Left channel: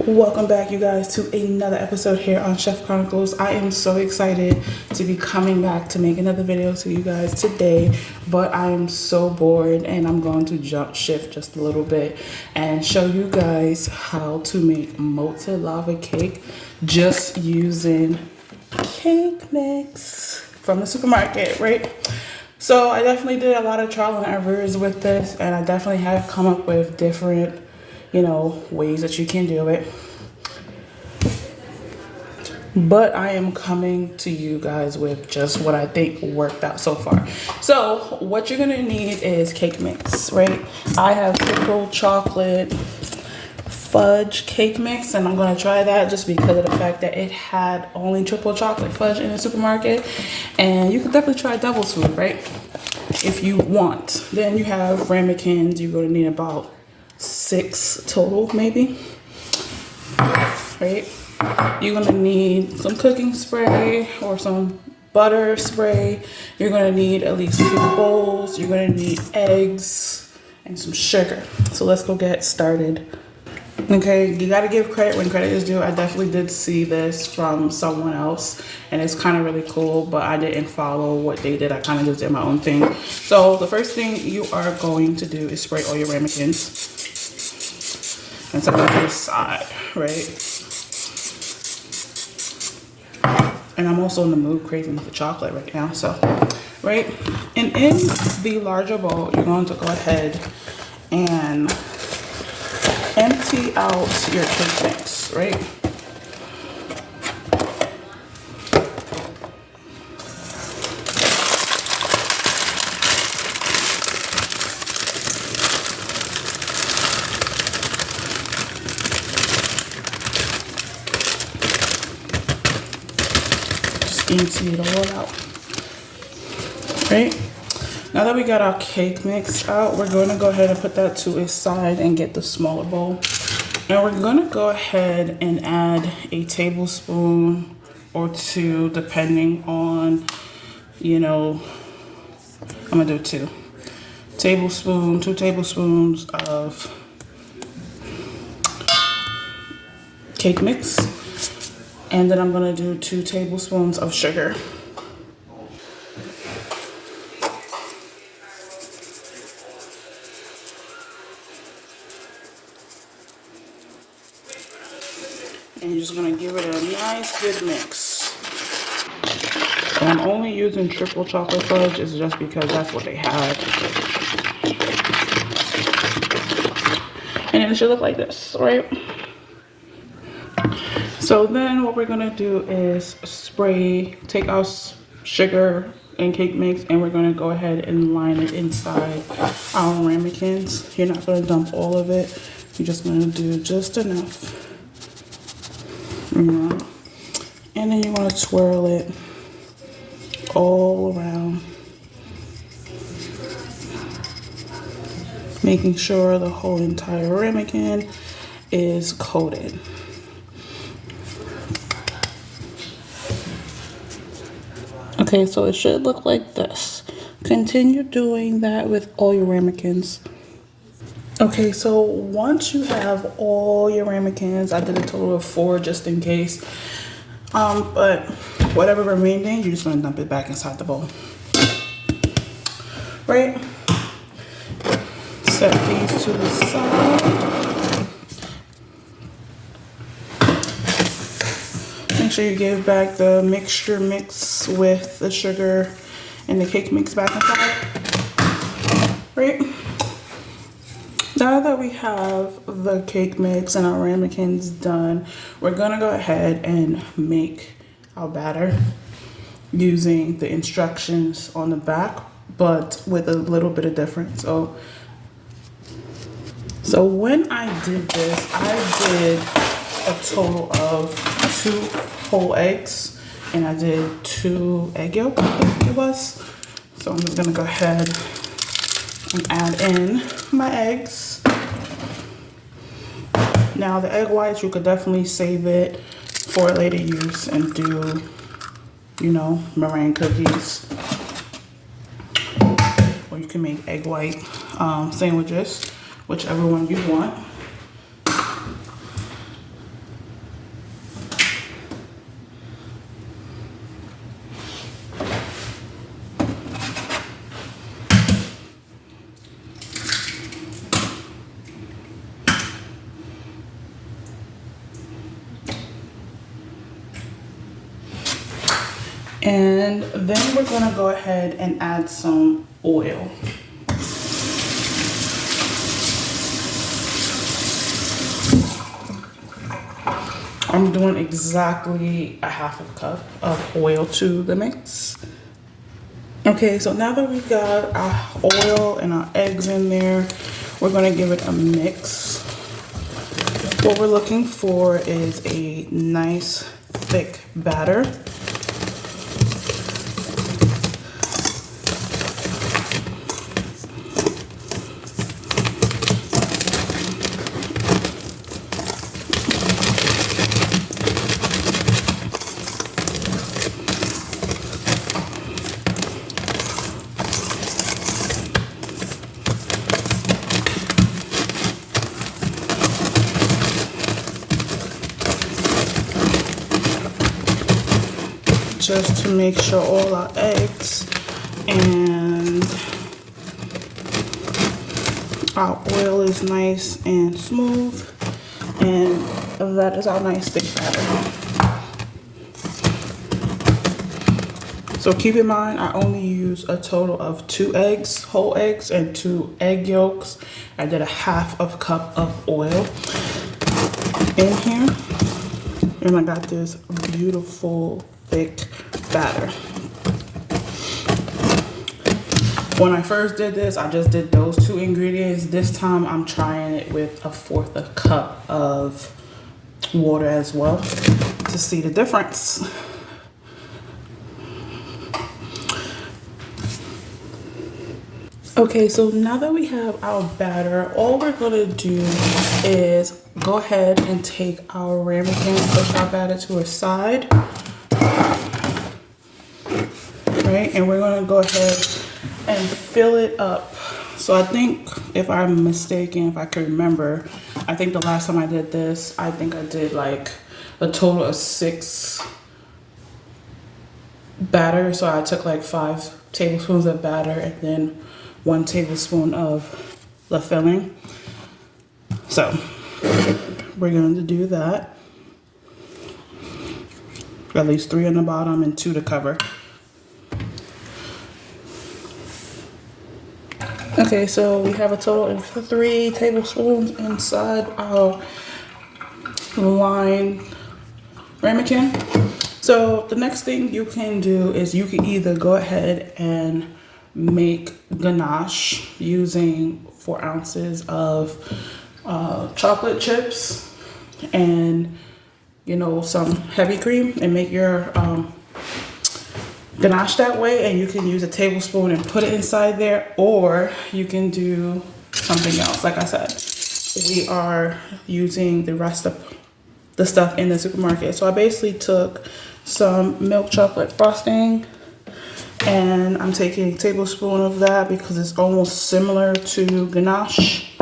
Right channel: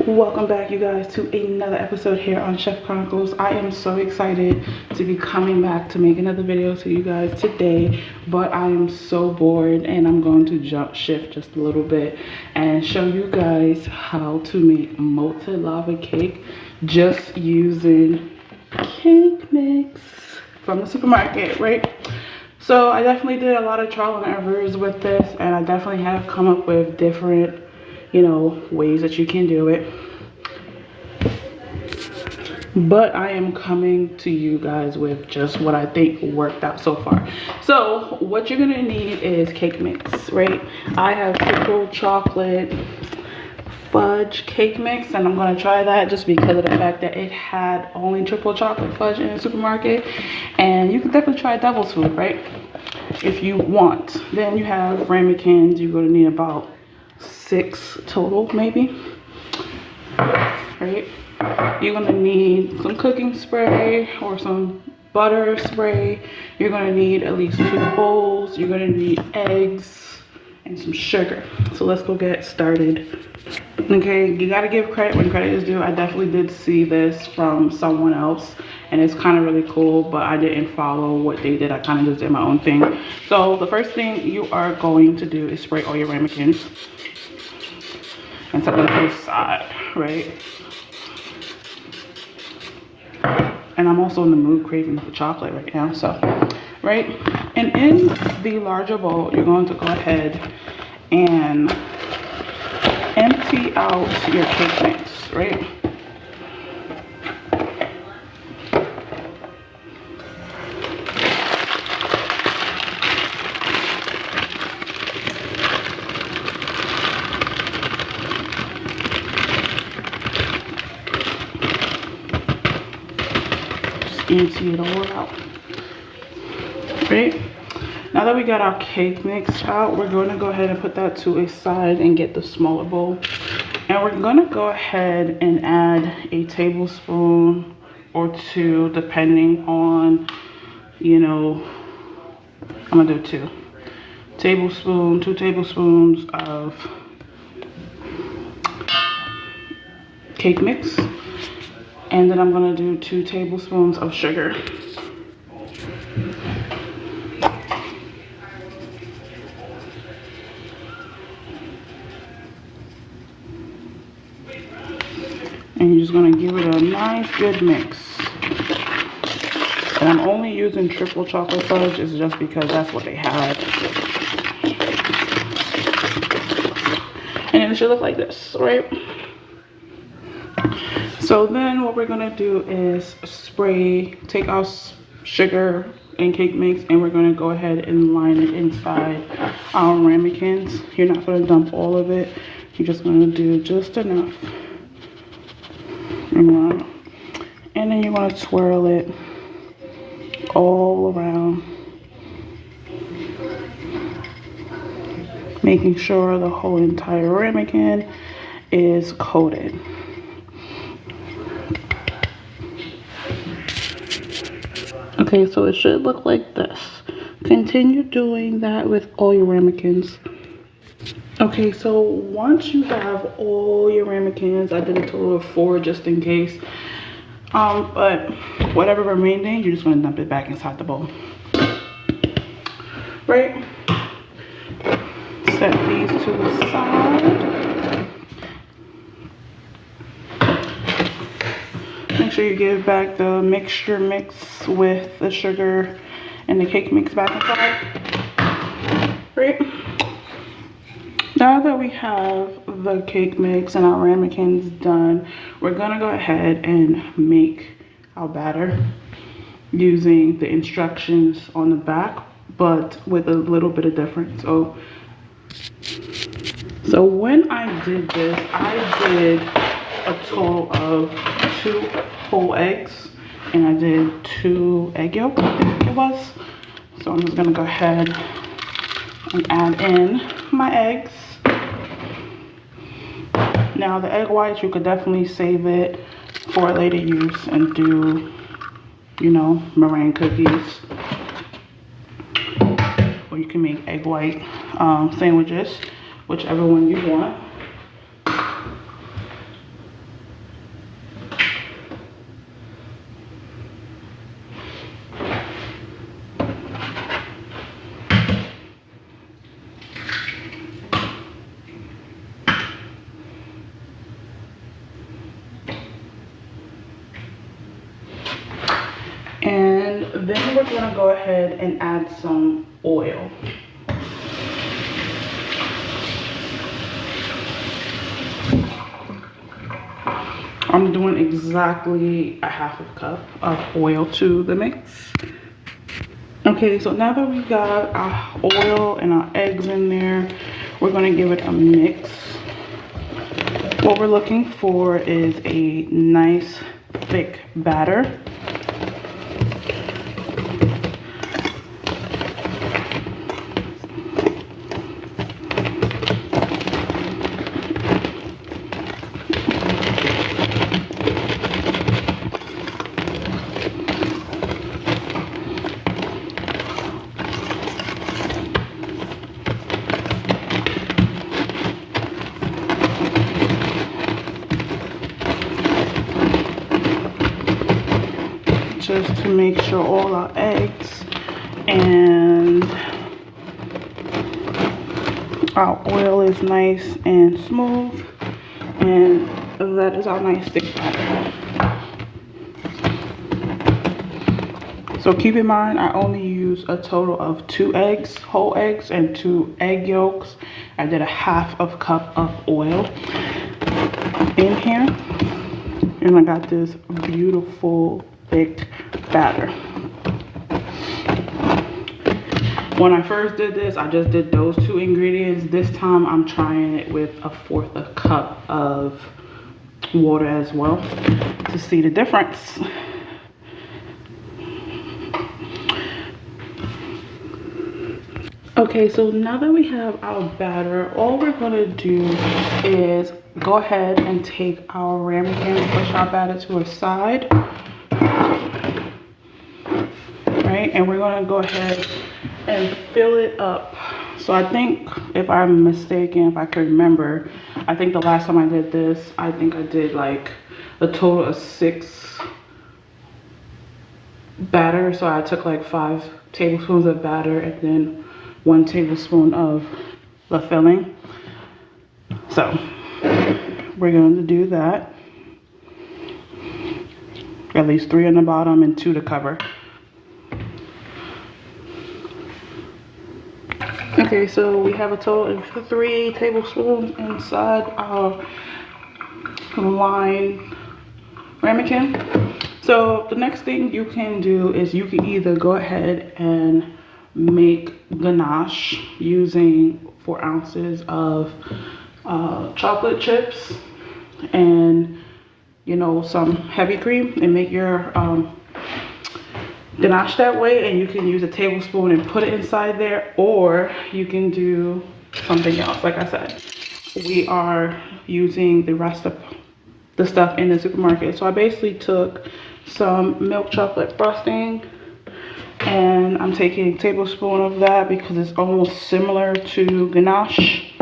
Welcome back, you guys, to another episode here on Chef Chronicles. I am so excited to be coming back to make another video to you guys today, but I am so bored and I'm going to jump shift just a little bit and show you guys how to make Motlen lava cake just using cake mix from the supermarket, right? So I definitely did a lot of trial and errors with this, and I definitely have come up with different ways that you can do it. But I am coming to you guys with just what I think worked out so far. So what you're gonna need is cake mix, right? I have triple chocolate fudge cake mix, and I'm gonna try that just because of the fact that it had only triple chocolate fudge in the supermarket. And you can definitely try devil's food, right? If you want. Then you have ramekins. You're gonna need about 6 total, maybe, right? You're gonna need some cooking spray or some butter spray. You're gonna need at least 2 bowls. You're gonna need eggs and some sugar. So let's go get started. Okay, you gotta give credit when credit is due. I definitely did see this from someone else, and it's kind of really cool, but I didn't follow what they did. I kind of just did my own thing. So the first thing you are going to do is spray all your ramekins and set them to the side, right? And I'm also in the mood craving for chocolate right now, so, right? And in the larger bowl, you're going to go ahead and empty out your cake mix, right? Empty it all out, right? Now that we got our cake mix out, we're going to go ahead and put that to a side and get the smaller bowl. And we're going to go ahead and add a tablespoon or 2, depending on, I'm going to do 2 tablespoons of cake mix. And then I'm gonna do 2 tablespoons of sugar. And you're just gonna give it a nice good mix. And I'm only using triple chocolate fudge is just because that's what they have. And it should look like this, right? So then what we're gonna do is take our sugar and cake mix, and we're gonna go ahead and line it inside our ramekins. You're not gonna dump all of it. You're just gonna do just enough. And then you wanna swirl it all around, making sure the whole entire ramekin is coated. Okay, so it should look like this. Continue doing that with all your ramekins. Okay, so once you have all your ramekins, I did a total of 4 just in case. But whatever remaining, you're just gonna dump it back inside the bowl. Right? Set these to the side. Make sure you give back the mixture mix with the sugar and the cake mix back inside. Right? Now that we have the cake mix and our ramekins done, we're gonna go ahead and make our batter using the instructions on the back, but with a little bit of difference. So when I did this, I did a total of 2 whole eggs, and I did 2 egg yolks, I think it was. So I'm just gonna go ahead and add in my eggs. Now the egg whites, you could definitely save it for later use and do, meringue cookies. Or you can make egg white sandwiches, whichever one you want. And then we're gonna go ahead and add some oil. I'm doing exactly a half a cup of oil to the mix. Okay, so now that we got our oil and our eggs in there, we're gonna give it a mix. What we're looking for is a nice thick batter. Just to make sure all our eggs and our oil is nice and smooth, and that is our nice thick batter. So keep in mind, I only use a total of 2 eggs, whole eggs, and 2 egg yolks. I did a half of cup of oil in here, and I got this beautiful thick batter. When I first did this, I just did those 2 ingredients. This time I'm trying it with 1/4 a cup of water as well to see the difference. Okay, so now that we have our batter, all we're gonna do is go ahead and take our ramekin, push our batter to a side. Right, and we're gonna go ahead and fill it up. So I think, if I'm mistaken, if I can remember, I think the last time I did this, I think I did like a total of 6 batter. So I took like 5 tablespoons of batter and then 1 tablespoon of the filling. So we're going to do that. At least 3 on the bottom and 2 to cover. Okay, so we have a total of 3 tablespoons inside our lined ramekin. So the next thing you can do is you can either go ahead and make ganache using 4 ounces of chocolate chips and, you know, some heavy cream, and make your ganache that way, and you can use a tablespoon and put it inside there, or you can do something else. Like I said, we are using the rest of the stuff in the supermarket. So I basically took some milk chocolate frosting, and I'm taking a tablespoon of that because it's almost similar to ganache.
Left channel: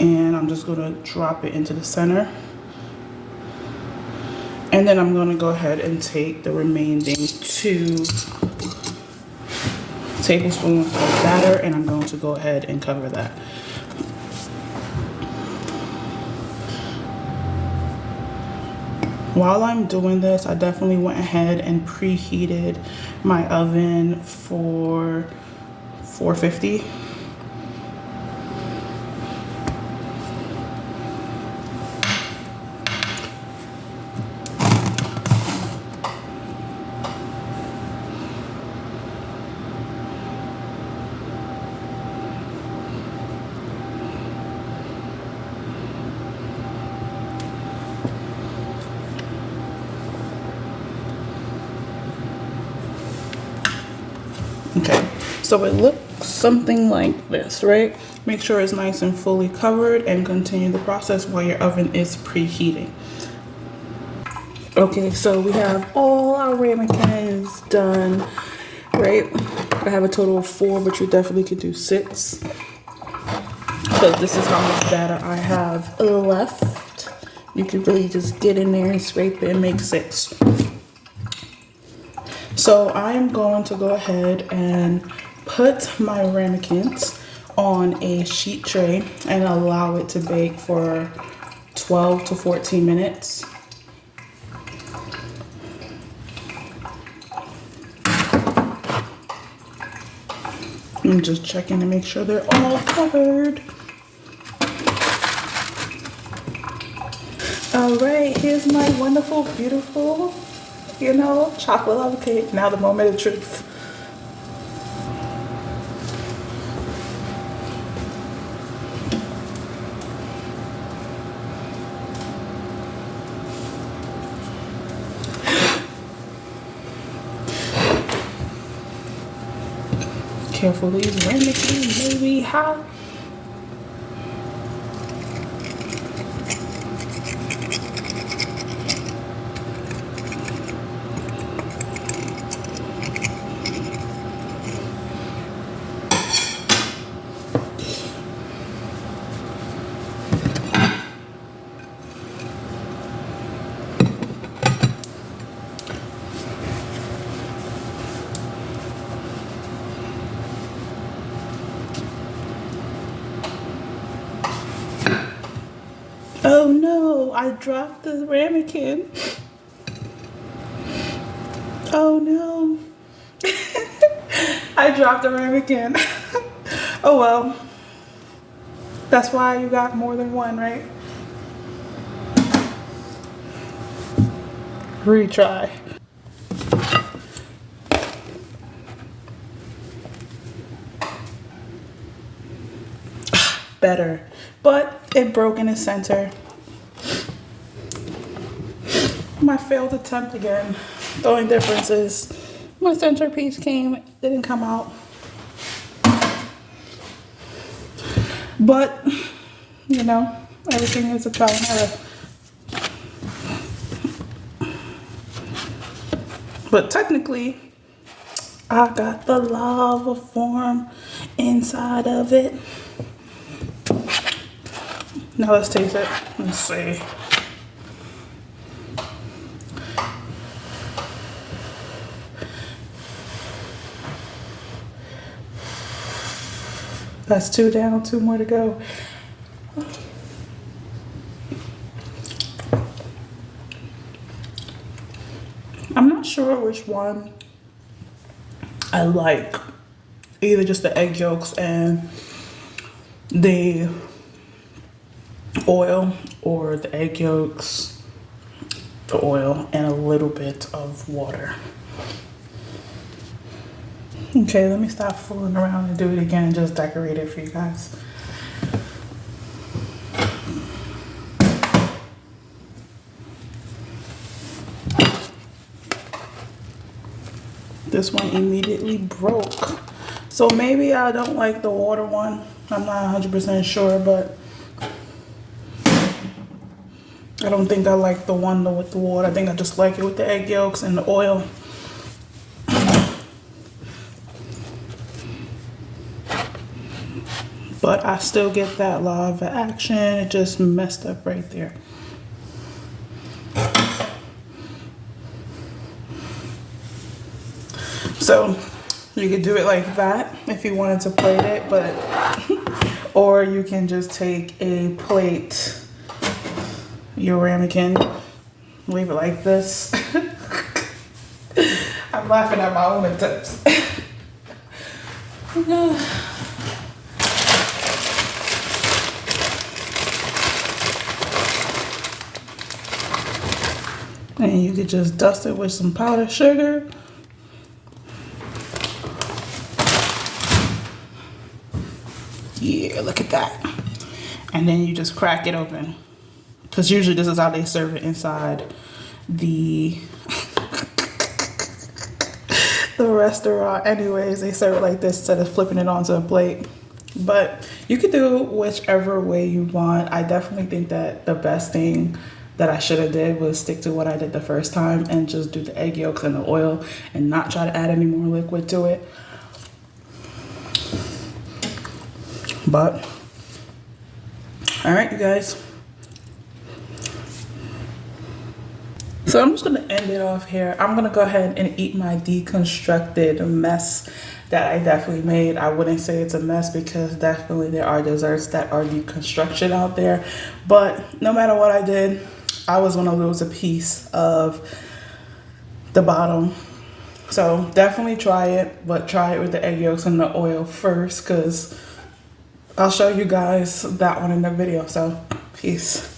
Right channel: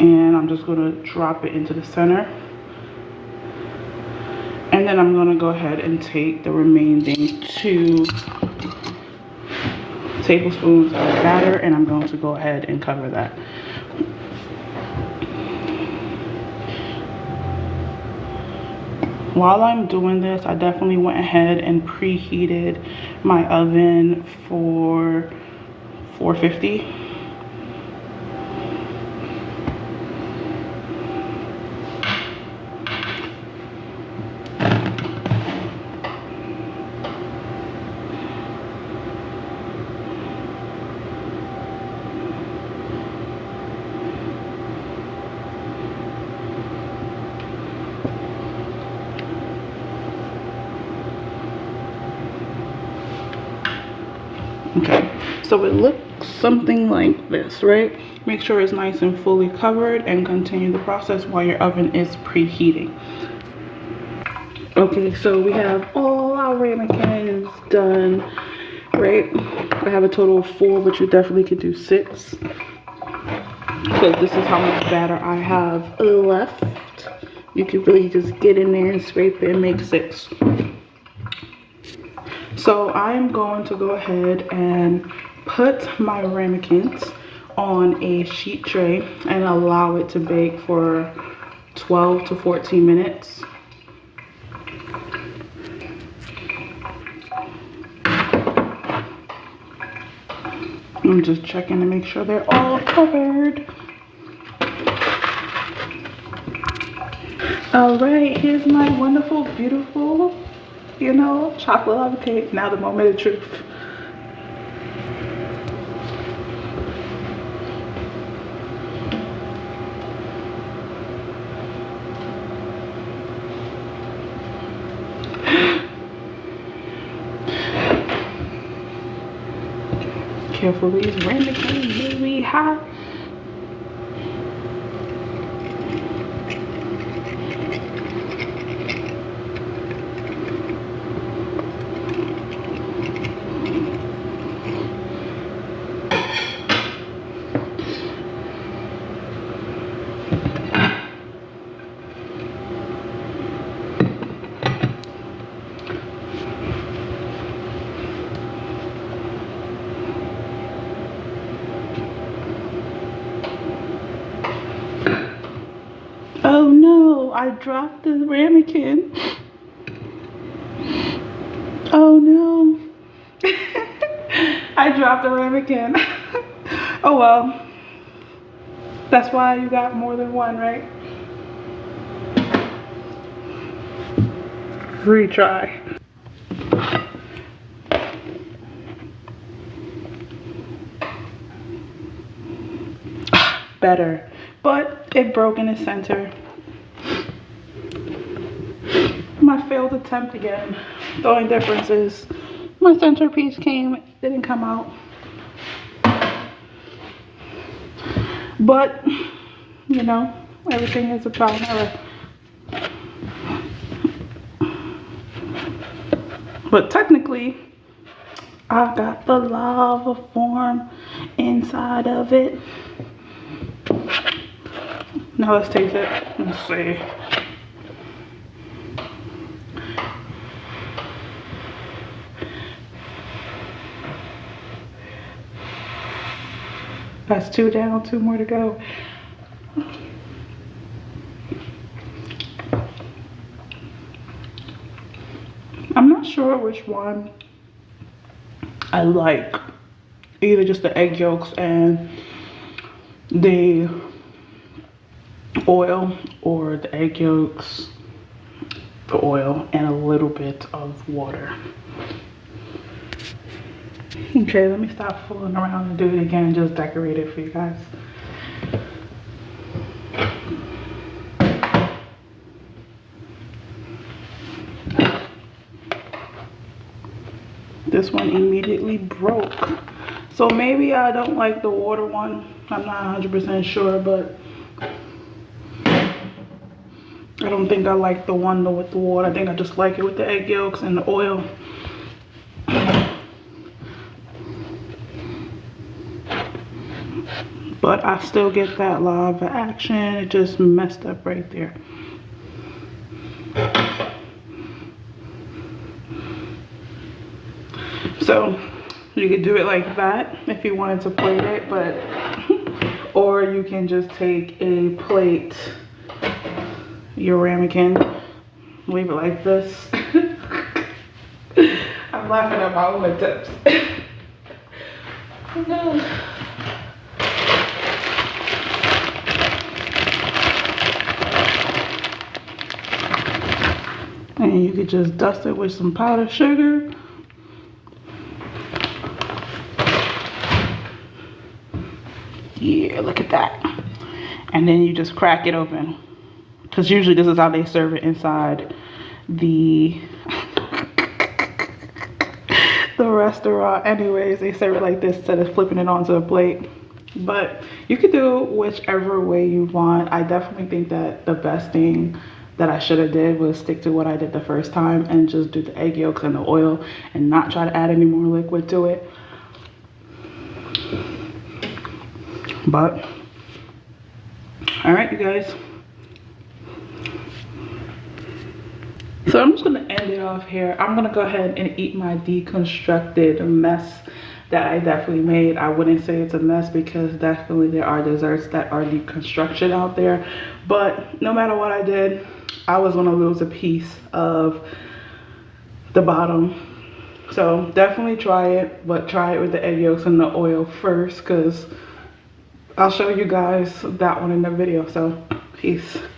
And I'm just gonna drop it into the center. And then I'm gonna go ahead and take the remaining 2 tablespoons of batter, and I'm going to go ahead and cover that. While I'm doing this, I definitely went ahead and preheated my oven for 450. Okay, so it looks something like this, right? Make sure it's nice and fully covered, and continue the process while your oven is preheating. Okay, so we have all our ramekins done, right? I have a total of 4, but you definitely could do 6. But this is how much batter I have left. You can really just get in there and scrape it and make 6. So I'm going to go ahead and put my ramekins on a sheet tray and allow it to bake for 12 to 14 minutes. I'm just checking to make sure they're all covered. All right, here's my wonderful, beautiful, you know, chocolate lava cake. Now the moment of truth. Carefully, ramekin may be hot. Oh no, I dropped the ramekin. Oh no. I dropped the ramekin. Oh well. That's why you got more than one, right? Retry. Better, but it broke in the center. My failed attempt again. The only difference is my centerpiece didn't come out. But, you know, everything is a trial and error. But technically, I got the lava form inside of it. Now let's taste it. Let's see. That's 2 down, 2 more to go. I'm not sure which one I like. Either just the egg yolks and the oil, or the egg yolks, the oil, and a little bit of water. Okay, let me stop fooling around and do it again and just decorate it for you guys. This one immediately broke. So maybe I don't like the water one. I'm not 100% sure, but I don't think I like the one with the water. I think I just like it with the egg yolks and the oil. But I still get that lava action. It just messed up right there. So you could do it like that if you wanted to plate it, but or you can just take a plate, your ramekin, leave it like this. I'm laughing at my own attempts. No. And you could just dust it with some powdered sugar. Yeah, look at that. And then you just crack it open. Because usually this is how they serve it inside the restaurant. Anyways, they serve it like this instead of flipping it onto a plate. But you could do whichever way you want. I definitely think that the best thing that I should have did was stick to what I did the first time and just do the egg yolks and the oil and not try to add any more liquid to it. But all right, you guys. So I'm just gonna end it off here. I'm gonna go ahead and eat my deconstructed mess that I definitely made. I wouldn't say it's a mess because definitely there are desserts that are deconstruction out there. But no matter what I did, I was gonna lose a piece of the bottom. So definitely try it, but try it with the egg yolks and the oil first, because I'll show you guys that one in the video. So peace.